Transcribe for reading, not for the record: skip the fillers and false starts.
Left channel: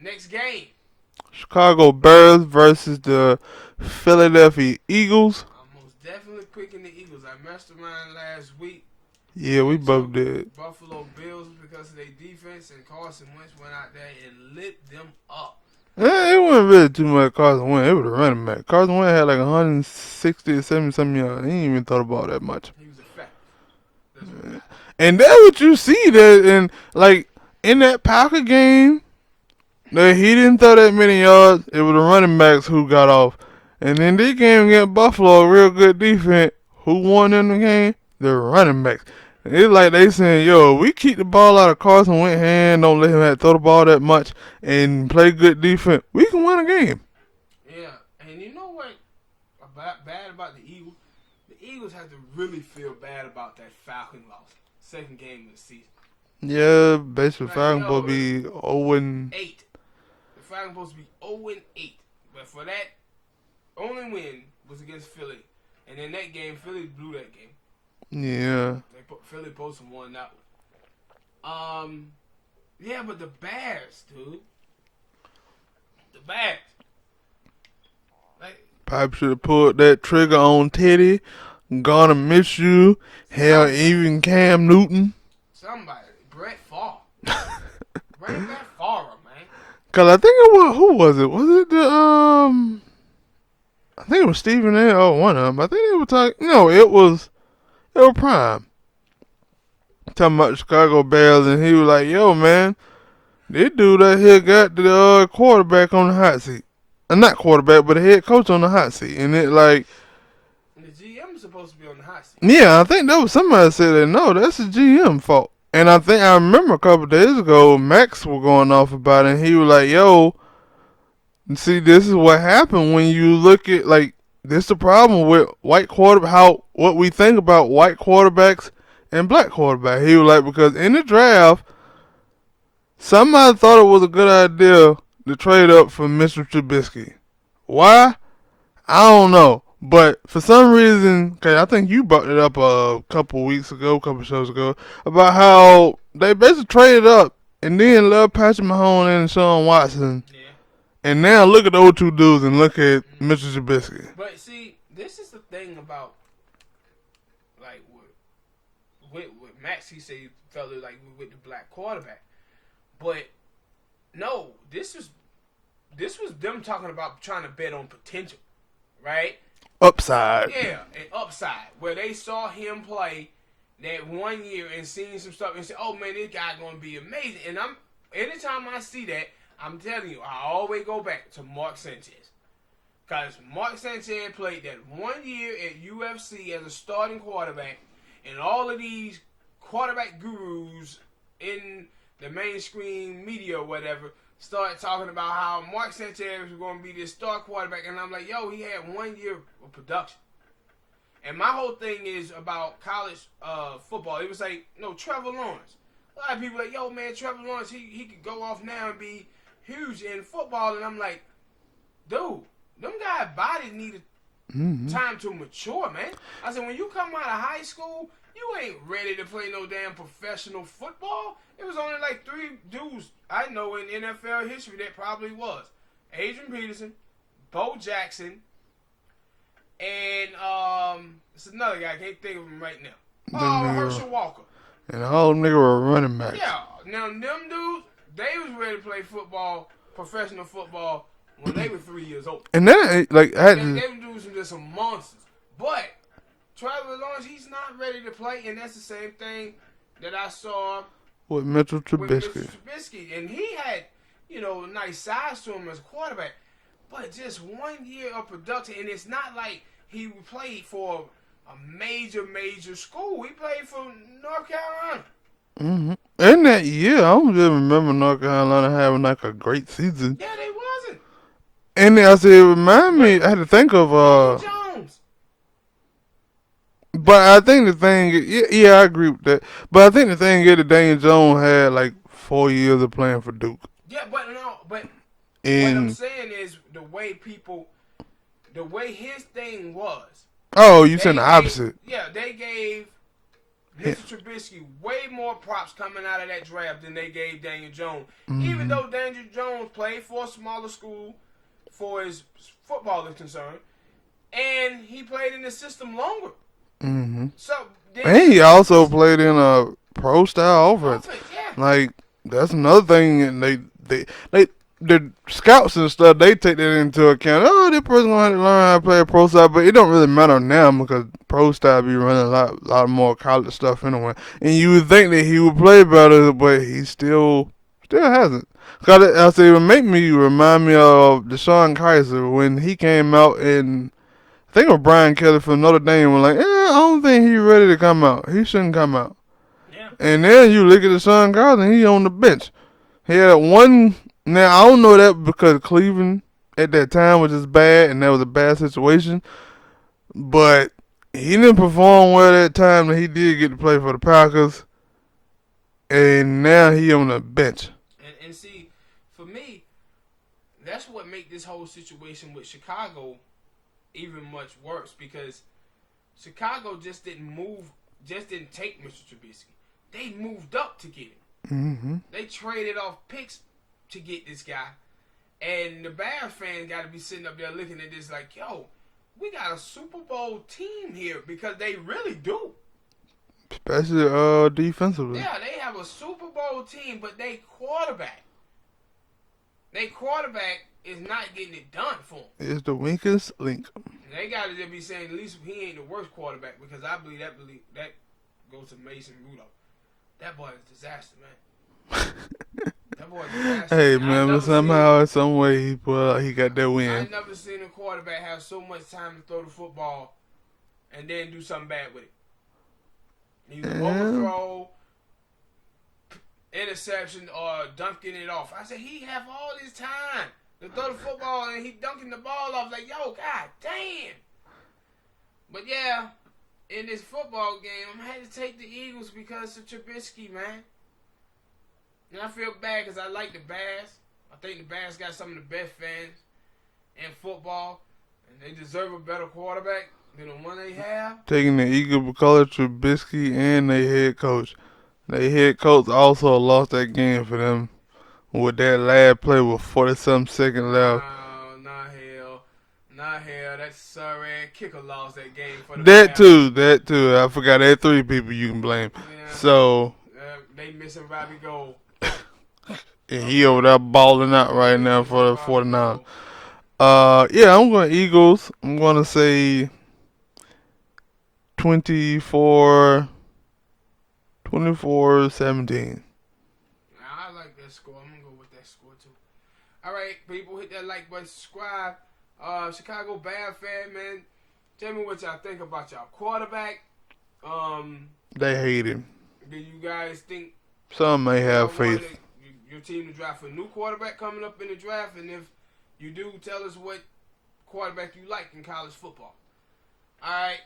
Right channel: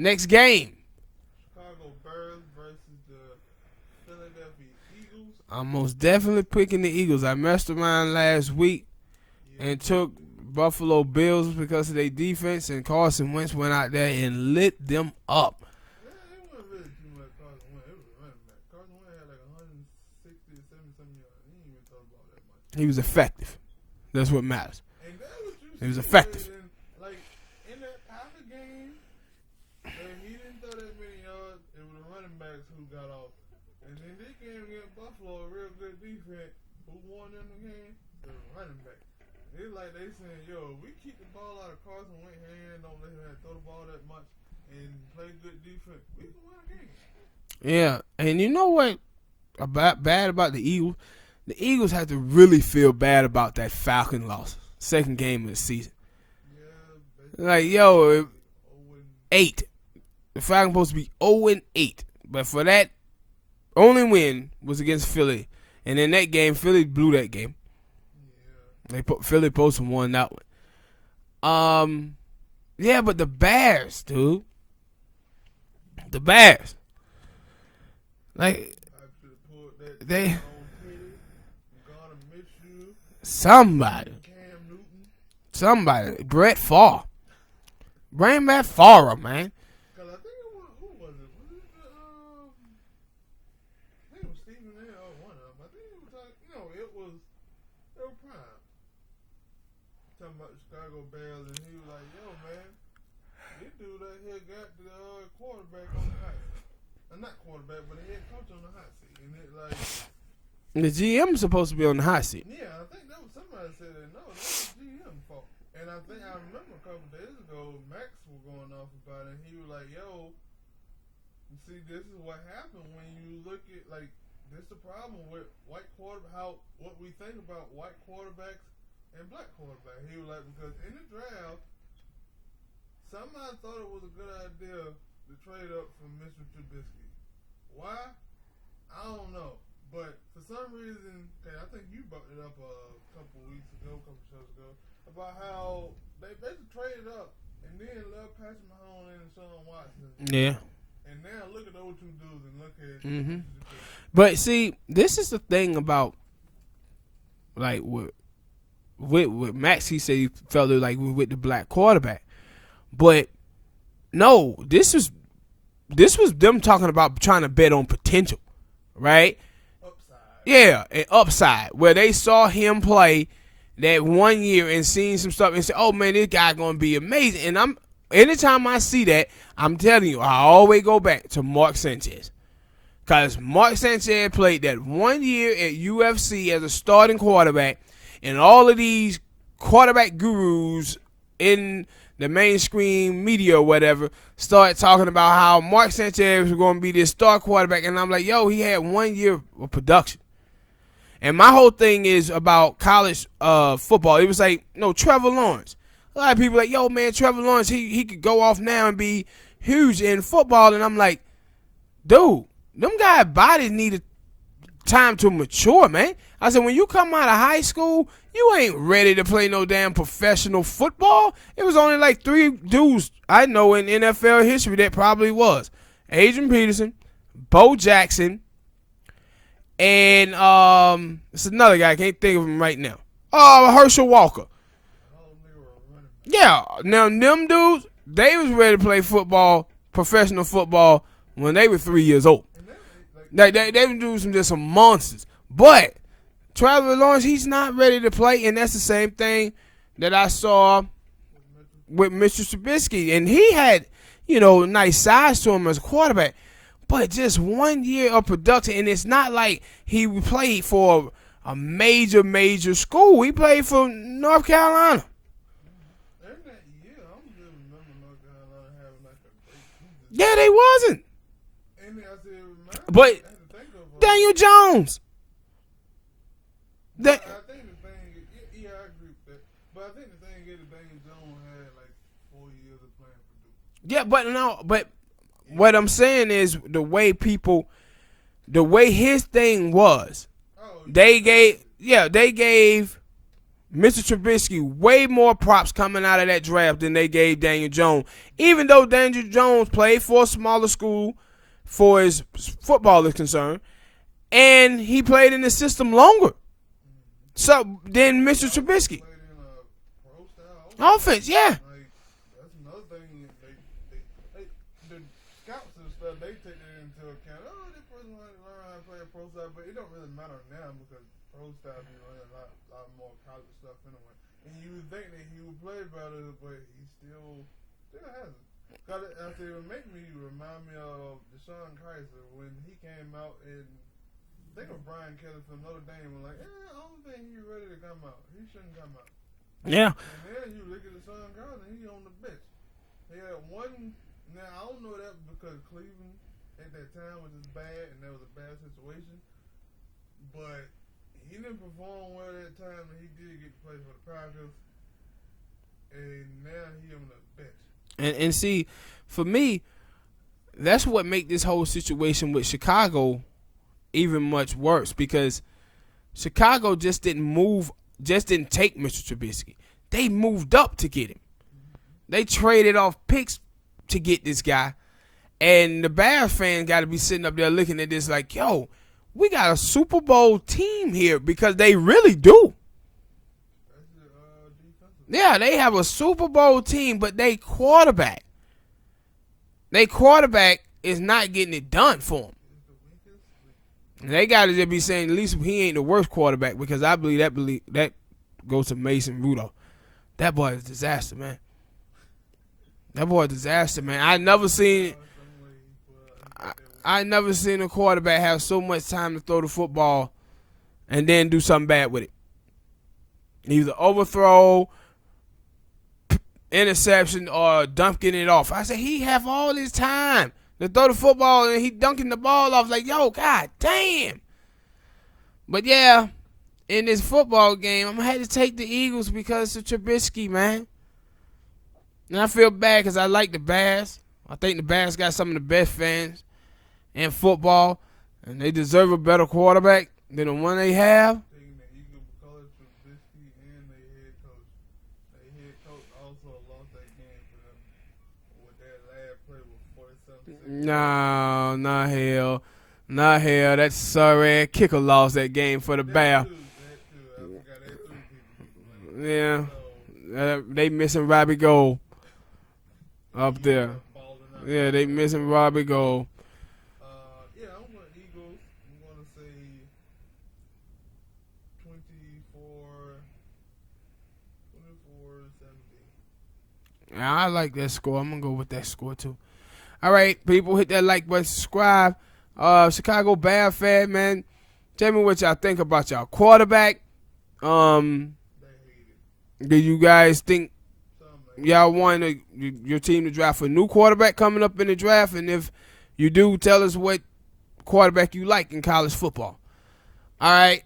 Next game. Chicago Bears versus the Philadelphia Eagles. I'm most definitely picking the Eagles. I messed around last week. Yeah, we both did. Buffalo Bills because of their defense, and Carson Wentz went out there and lit them up. It wasn't really too much Carson Wentz. It was a running back. Carson Wentz had like 160 or 70 something yards. He didn't even thought about that much. He was effective. That's what matters. And that's what you see that in that Packer game, that he didn't throw that many yards. It was the running backs who got off. And in this game against Buffalo, a real good defense, who won in the game? The running backs. It's like they saying, yo, we keep the ball out of Carson Wentz's hand, don't let him have to throw the ball that much, and play good defense, we can win a game. Yeah, and you know what bad about the Eagles? The Eagles have to really feel bad about that Falcon loss. Second game of the season. Yeah, basically Falcons supposed to be 0-8. The Falcons supposed to be 0-8. But for that, only win was against Philly. And in that game, Philly blew that game. Yeah. Philly supposed to won that one. Yeah, but the Bears, dude. The Bears. Like, probably should have pulled that trigger on Teddy. Gonna miss you. Hell, even Cam Newton. Somebody. Brett Favre. Bring back Favre, man. Cause I think it was, who was it? Was it the I think it was Stephen A. Oh, one of them. I think they were talking. No, it was Prime. Talking about the Chicago Bears, and he was like, "Yo, man, this dude right here got the quarterback on the hot seat. Not quarterback, but the head coach on the hot seat." And it like the GM is supposed to be on the hot seat. Yeah, I think that was somebody said that. No, that's the GM fault. And I think I remember a couple of days ago, Max was going off about it, and he was like, "Yo, see, this is what happened when you look at like this. The problem with white quarterback, what we think about white quarterbacks and black quarterbacks." He was like, because in the draft, somebody thought it was a good idea to trade up for Mr. Trubisky. Why? I don't know. But for some reason, cause I think you brought it up a couple shows ago, about how they basically traded up and then left Patrick Mahomes and Sean Watson. Yeah. And now look at those two dudes and look at Mr. Trubisky. But see, this is the thing about, like, with Max, he said he felt it like with the black quarterback. But no, this was them talking about trying to bet on potential, right? Upside. Yeah, an upside. Where they saw him play that 1 year and seen some stuff and said, "Oh man, this guy gonna be amazing." And anytime I see that, I'm telling you, I always go back to Mark Sanchez. Because Mark Sanchez played that 1 year at UFC as a starting quarterback, and all of these quarterback gurus in the mainstream media or whatever start talking about how Mark Sanchez was going to be this star quarterback. And I'm like, yo, he had 1 year of production. And my whole thing is about college football. It was like, no, Trevor Lawrence. A lot of people like, yo, man, Trevor Lawrence, he could go off now and be huge in football. And I'm like, dude, them guys' bodies needed time to mature, man. I said, when you come out of high school, you ain't ready to play no damn professional football. It was only like 3 dudes I know in NFL history that probably was. Adrian Peterson, Bo Jackson, and it's another guy. I can't think of him right now. Herschel Walker. And all them niggas were running back. Yeah. Now, them dudes, they was ready to play football, professional football, when they were 3 years old. And that like they were doing some monsters. But Trevor Lawrence, he's not ready to play, and that's the same thing that I saw with Mr. Trubisky. And he had, nice size to him as a quarterback, but just 1 year of production, and it's not like he played for a major school. He played for North Carolina. Mm-hmm. In that year, I don't just remember North Carolina having like a great season. Yeah, they wasn't. And I said, it reminded me, I had to think of Daniel Jones. But I think the thing, I agree with that. But I think the thing is that Daniel Jones had like 4 years of playing for Duke. Yeah, but what I'm saying is the way his thing was. Oh, you said the opposite. Yeah, they gave Mr. Trubisky, way more props coming out of that draft than they gave Daniel Jones. Even though Daniel Jones played for a smaller school for his football is concerned, and he played in the system longer. So then And he Mr. also Trubisky, played in a pro style offense, yeah. Like that's another thing, and they the scouts and stuff, they take that into account. Oh, this person gonna have to learn how to play a pro style, but it don't really matter now because pro style be running a lot more college stuff anyway. And you would think that he would play better, but he still hasn't. Cause I say it would remind me of Deshaun Kaiser when he came out, and I think it was Brian Kelly from Notre Dame was like, I don't think he's ready to come out. He shouldn't come out. Yeah. And then you look at Deshaun Kaiser, and he on the bench. He had one. Now, I don't know that because Cleveland at that time was just bad, and that was a bad situation. But he didn't perform well that time that he did get to play for the Packers. And now he on the bench. And see, for me, that's what make this whole situation with Chicago even much worse, because Chicago just didn't take Mr. Trubisky. They moved up to get him. They traded off picks to get this guy. And the Bears fans got to be sitting up there looking at this like, yo, we got a Super Bowl team here, because they really do. Especially defensively. Yeah, they have a Super Bowl team, but they quarterback is not getting it done for them. It's the weakest link. They got to just be saying, at least he ain't the worst quarterback, because I believe that goes to Mason Rudolph. That boy is a disaster, man. That boy is a disaster. Hey, man. I never somehow, some way, he got that win. I never seen a quarterback have so much time to throw the football and then do something bad with it. Either overthrow, interception, or dunking it off. I said, he have all his time to throw the football, and he dunking the ball off like, yo, god damn. But yeah, in this football game, I'm going to have to take the Eagles because of Trubisky, man. And I feel bad because I like the Bears. I think the Bears got some of the best fans in football, and they deserve a better quarterback than the one they have. Taking the Eagle because of Trubisky and their head coach. Their head coach also lost that game for them with that last play with 40-something seconds left. No, not hell. That sorry kicker lost that game for the Bears. That too. I forgot there 3 people you can blame. Yeah. So they missing Robbie Gold. And he over there balling out right now for the 49. Yeah, I'm going Eagles. I'm going to say 24-17. Yeah, I like that score. I'm going to go with that score too. All right, people, hit that like button, subscribe. Chicago Bears fan, man. Tell me what y'all think about y'all quarterback. They hate him. Do you guys think some may y'all have want your team to draft a new quarterback coming up in the draft? And if you do, tell us what quarterback you like in college football. All right.